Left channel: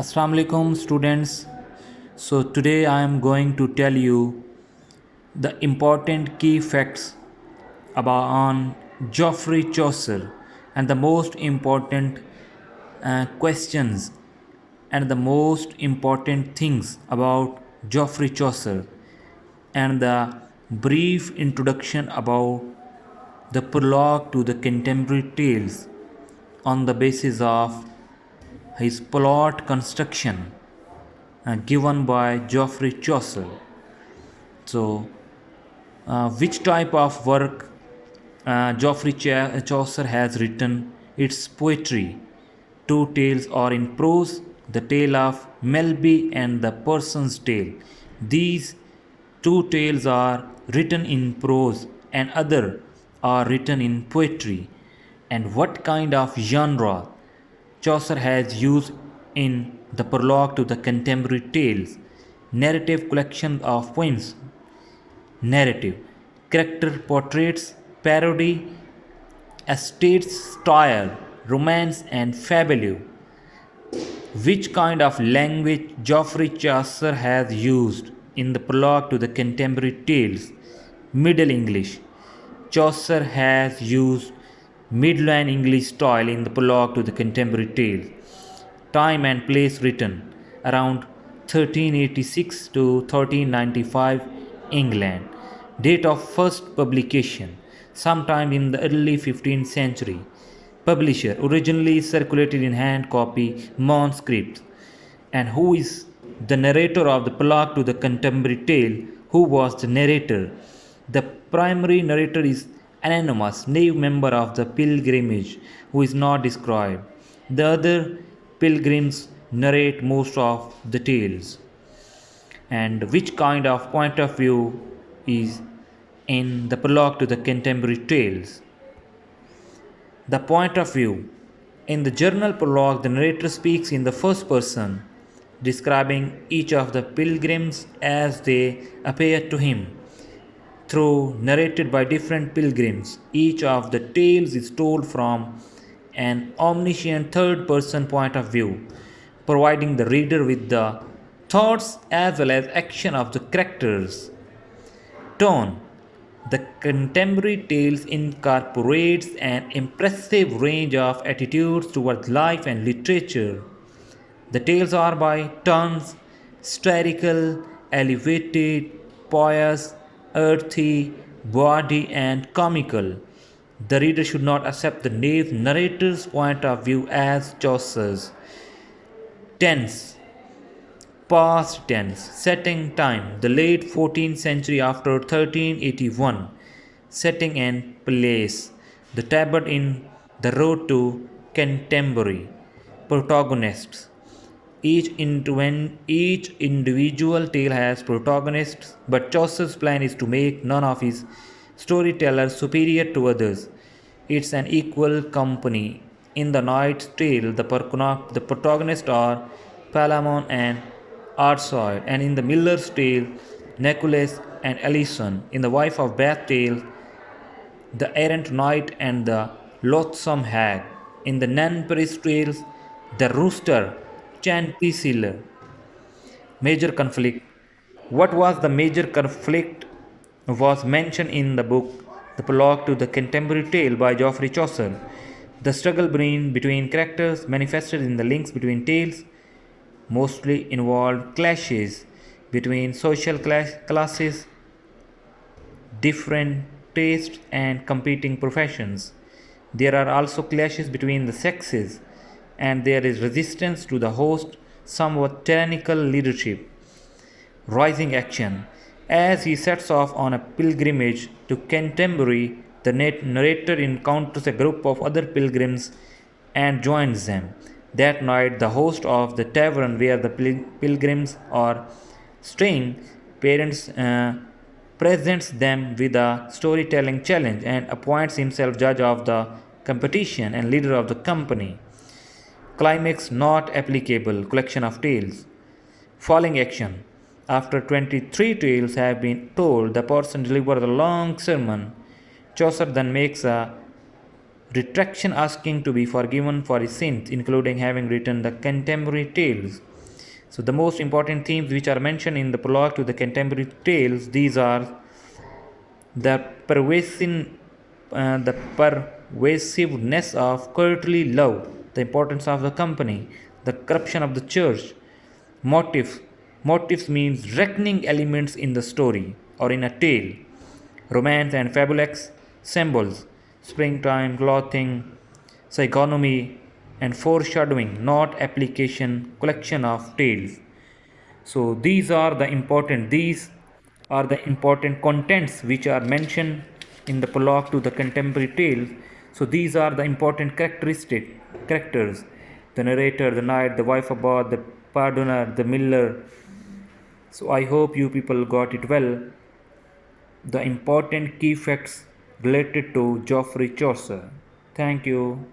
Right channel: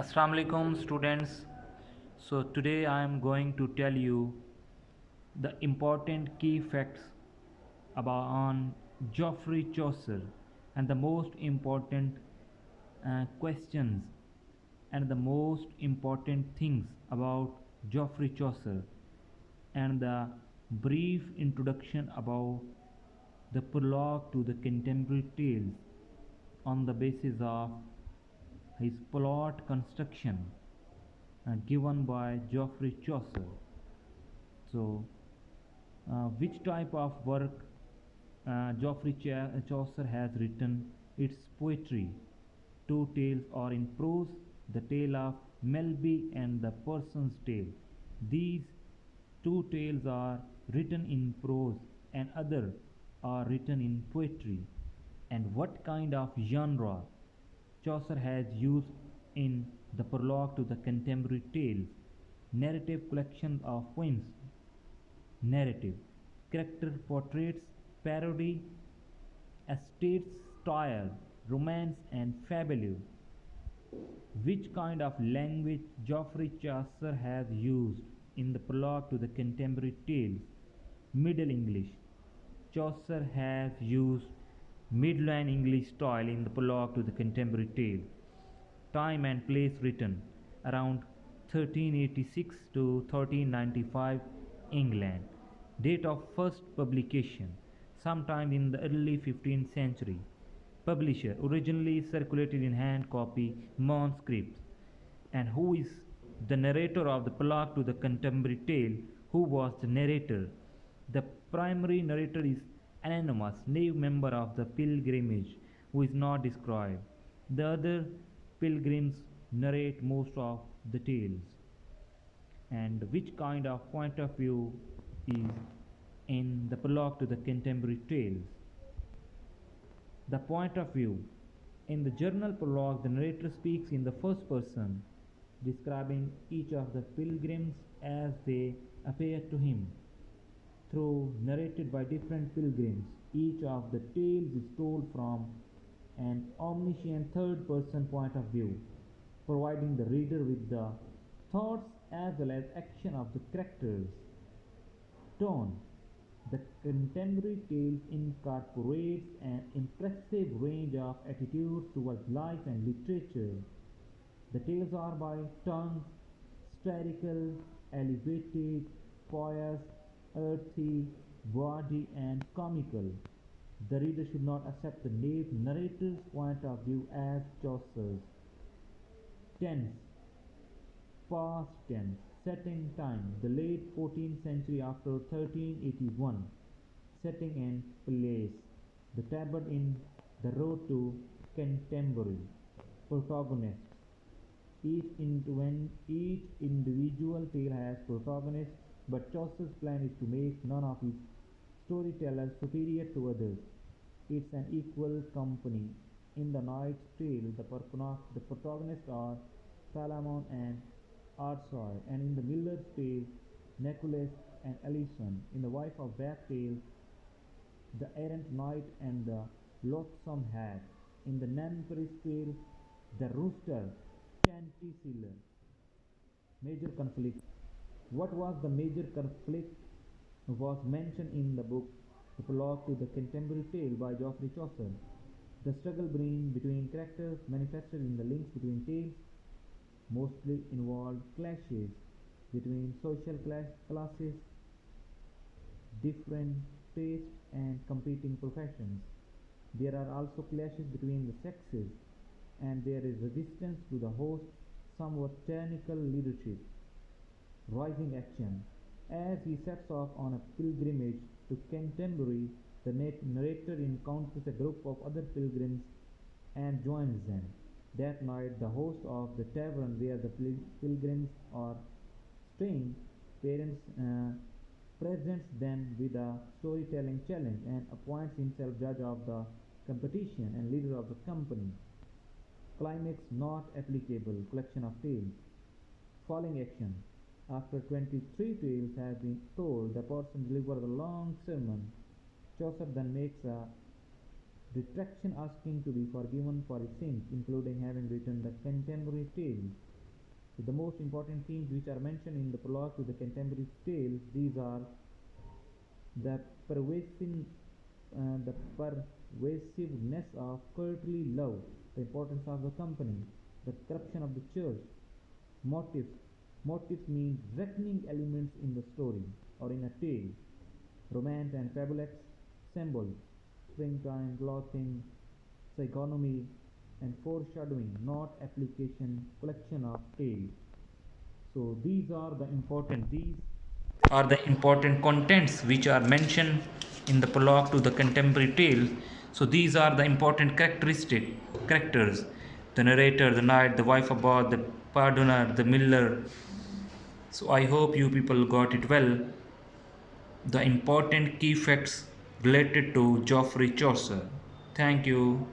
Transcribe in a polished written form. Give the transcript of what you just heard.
Assalamu alaikum students. So today I am going to tell you the important key facts about on Geoffrey Chaucer and the most important questions and the most important things about Geoffrey Chaucer and the brief introduction about the prologue to the contemporary tales on the basis of his plot construction given by Geoffrey Chaucer. So, which type of work Chaucer has written? It's poetry. Two tales are in prose, the tale of Melby and the Person's Tale. These two tales are written in prose and other are written in poetry. And what kind of genre Chaucer has used in the prologue to the contemporary tales? Narrative collection of poems, narrative, character portraits, parody, estate style, romance, and fabulous. Which kind of language Geoffrey Chaucer has used in the prologue to the contemporary tales? Middle English. Chaucer has used Midland English style in the prologue to the contemporary tales. Time and place written around 1386 to 1395 England. Date of first publication sometime in the early 15th century. Publisher originally circulated in hand copy manuscripts. And who is the narrator of the prologue to the contemporary tale? Who was the narrator? The primary narrator is anonymous, naive member of the pilgrimage who is not described. The other pilgrims narrate most of the tales. And which kind of point of view is in the prologue to the contemporary tales? The point of view. In the journal prologue, the narrator speaks in the first person, describing each of the pilgrims as they appear to him. Though narrated by different pilgrims, each of the tales is told from an omniscient third person point of view, providing the reader with the thoughts as well as action of the characters. Tone. The contemporary tales incorporates an impressive range of attitudes towards life and literature. The tales are by turns satirical, elevated, pious, earthy, bawdy, and comical. The reader should not accept the naive narrator's point of view as Chaucer's. Tense. Past tense. Setting time. The late 14th century after 1381. Setting and place. The tabard in the road to Canterbury. Protagonists. Each individual tale has protagonists, but Chaucer's plan is to make none of his storytellers superior to others. It's an equal company. In the Knight's Tale, the protagonists are Palamon and Arthur, and in the Miller's Tale, Nicholas and Alison. In the Wife of Bath Tale, the errant knight and the loathsome hag. In the Nan Paris Tales, the rooster, Chanticleer. Major conflict. What was the major conflict was mentioned in the book The Prologue to the Contemporary Tale by Geoffrey Chaucer. The struggle between characters manifested in the links between tales mostly involved clashes between social classes, different tastes, and competing professions. There are also clashes between the sexes, and there is resistance to the host, somewhat tyrannical leadership. Rising action. As he sets off on a pilgrimage to Canterbury, the narrator encounters a group of other pilgrims and joins them. That night, the host of the tavern where the pilgrims are staying parents presents them with a storytelling challenge and appoints himself judge of the competition and leader of the company. Climax not applicable, collection of tales. Falling action. After 23 tales have been told, the person delivers a long sermon. Chaucer then makes a retraction asking to be forgiven for his sins, including having written the contemporary tales. So the most important themes which are mentioned in the prologue to the contemporary tales, these are the the pervasiveness of courtly love, the importance of the company, the corruption of the church, motive. Motives means reckoning elements in the story or in a tale. Romance and fabulous symbols, springtime, clothing, psychonomy, and foreshadowing, not application, collection of tales. So these are the important contents which are mentioned in the prologue to the contemporary tale. So these are the important characters: the narrator, the knight, the wife of God, the pardoner, the miller. So I hope you people got it well. The important key facts related to Geoffrey Chaucer. Thank you.